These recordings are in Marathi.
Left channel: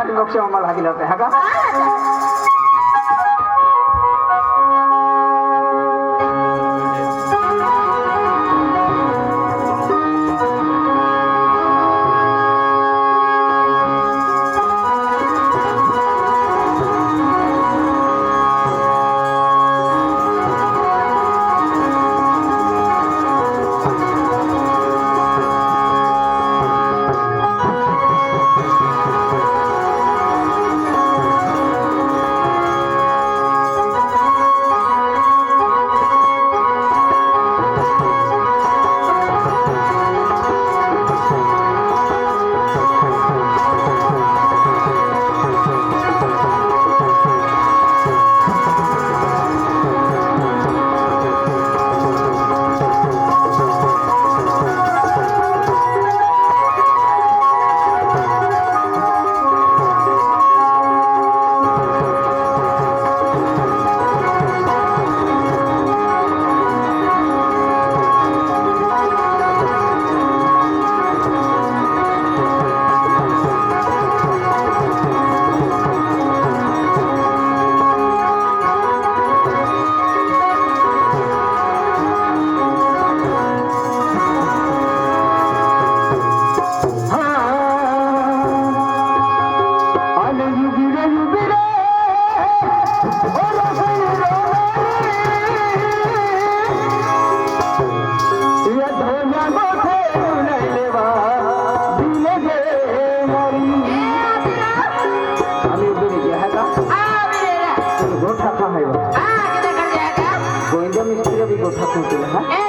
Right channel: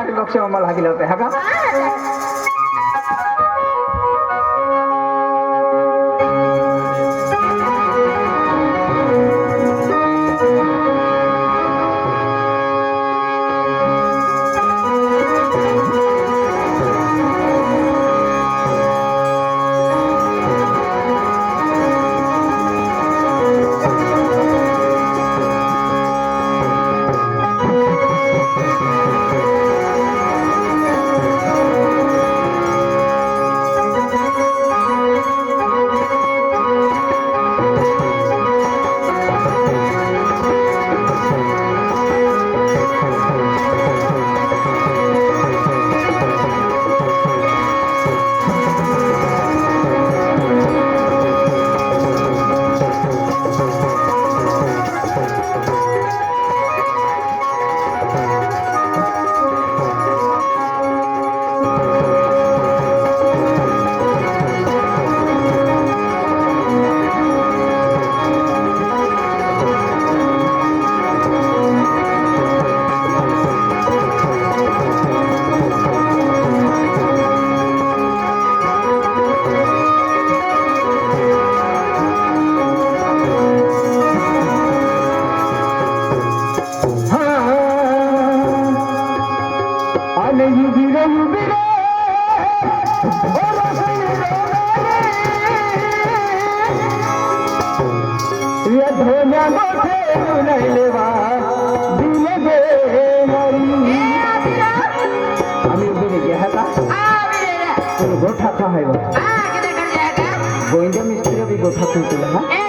मराठी लोक मला हवी लागते हा का गोविंद मिस्त्री भी गोठा खुलते हाँ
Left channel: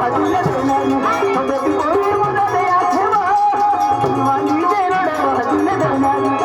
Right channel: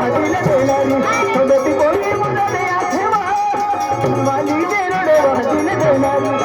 Hadi देणारी सगळी कोणी मुलाने आठवा वाली देणारे वाजीला देणारी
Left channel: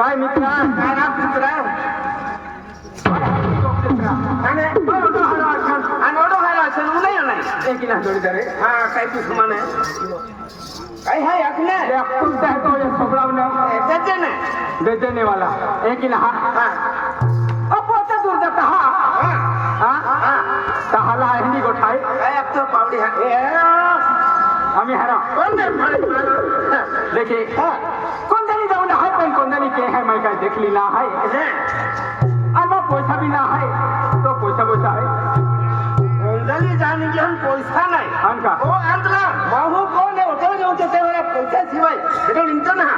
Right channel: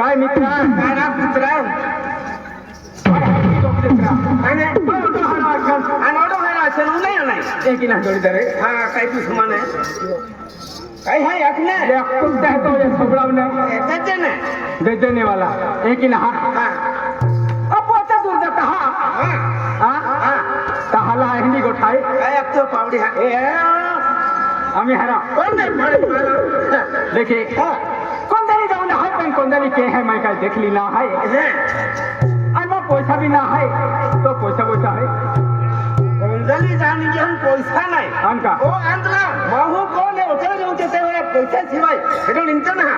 काय मित्र काय तू समान आहे काय है अखने कुलता है तो ये सबड़ावने बेचने बेचने वाला एक ही ना हां अब वो तो दूर जा कहा हां ताहाला हिंदी को ठाई काय अब तो पावडी है आम्ही हरा कोण नाही देखिए कौन देरी जाऊन है पण कौन देरी के है मैं काय देखली ना है अन पैसा भी ना है तो पैसा है कोणतरी जाणी घेऊन पैसा नाही आमका ओ अंतला माहू कोण आहे होटल घेऊन ते तेवढ्या पैसा शिवाय हे निघतो ना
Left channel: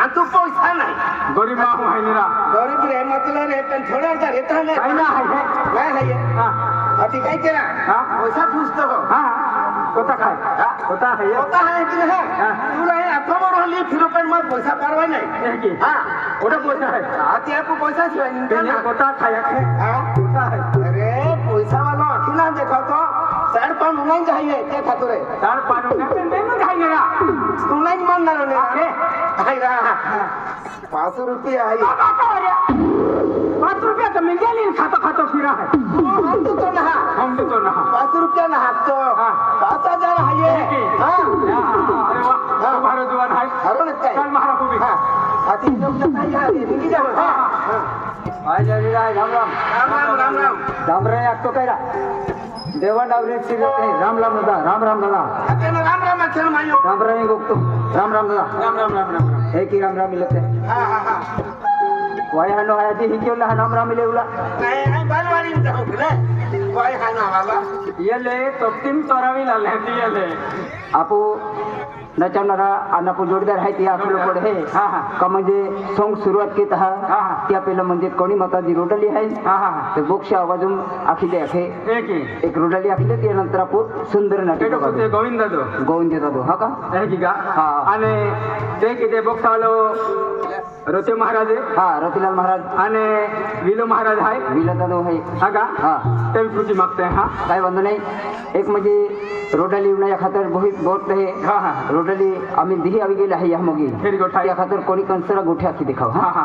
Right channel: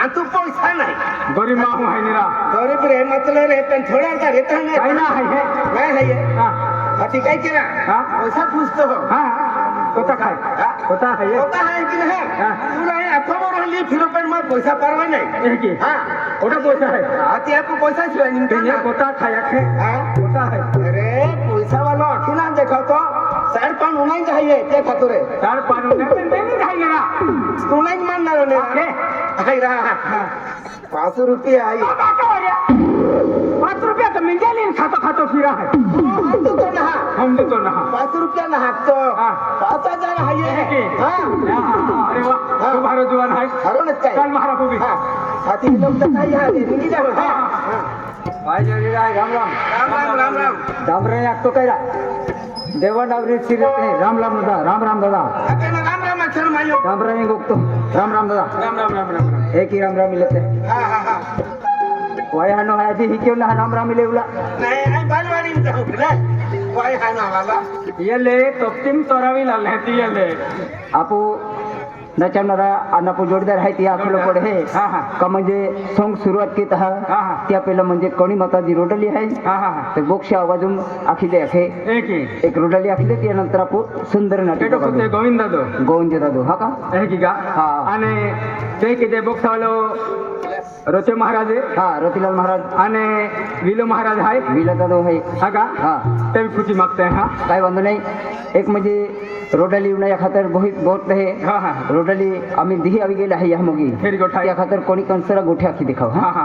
आणि तू पैसा नाही गरीब माहू है निरा गरीब रे मतलब रे पण थोड्या का रेता नाही काय ना है काय है हां अति काय केला हाँ? पैसा पूछतो हो हाँ होता खाए होता है ये होता है कि नहीं हाँ। तुला हे अथवा रोली फिलिपाइन में पैसा परवा नहीं ये की हाँ ओटा पैसा है आती आपको पैसा छिवा ये निकल होता खाया है हाँ होता है अरे पैसा वालो आखी ना देखो तो साइड पान उन्हीं चाहिए क्या खातो रे तार पानो ने पेन नहीं खाएंगे ना उन्हीं मानना रे ओके आई रहा 500 रुपया आई 5 रुपया तो मिल जाए खातो खातो फिरा है हम तो ना हम तो ना 500 रुपया ना तो हाँ। 5000 है ये हाँ अरे वाह तुम्हारा जुआन है हरो न काय कल महारा को भी हाँ आती लोग तो काय है निकी जाओ हाँ भाई जल्दी राय राम राम राम राम रे एक तो कहला देवन अवरी सिरते राम राम दादा राम राम दादा आते ना राम अक्षर मायो राम राम गोक्तो राम राम दादा राम एक ही राम मिलते हाँ हाँ हाँ वाय हनो आया थी ही क्यों ना राम मिले उला नहीं आई बालवाड़ी में जाऊँ रे वाई है ना वाला ये ले तोप्तिम तोरावी ला लेती ये ले आपू नचवणारा आणि आपण जोडदार आहे ते आपलं पड हे हा हा का म्हणजे सॉंग सुरुवात केत हा हा हा त्या पहिलं म्हणजे कोणी माताजी रोडली आहे हा हा ते बोक्ष आवाजून आखिले आहे एक रोडली आखिले त्यानंतर आपण सुंदर नाटक ते गोविंद दो गोविंद दादो हा का आहे की का हा आणि ते किती बोक्सावालो रोते महाराज हा रतिलाल महाराज आणि विलो महाराज आहे विला दादो आहे हा का हा ते खुशी मागते हा काय वांधो नाही एक म्हणजे रोडली या खातर बहुत है हा हा रोडली आम्ही दिही आवी गेले आहे या मगी फेरी गोठा या खातर कोणी कंसरा गोठ्या आखी देखाव हा हा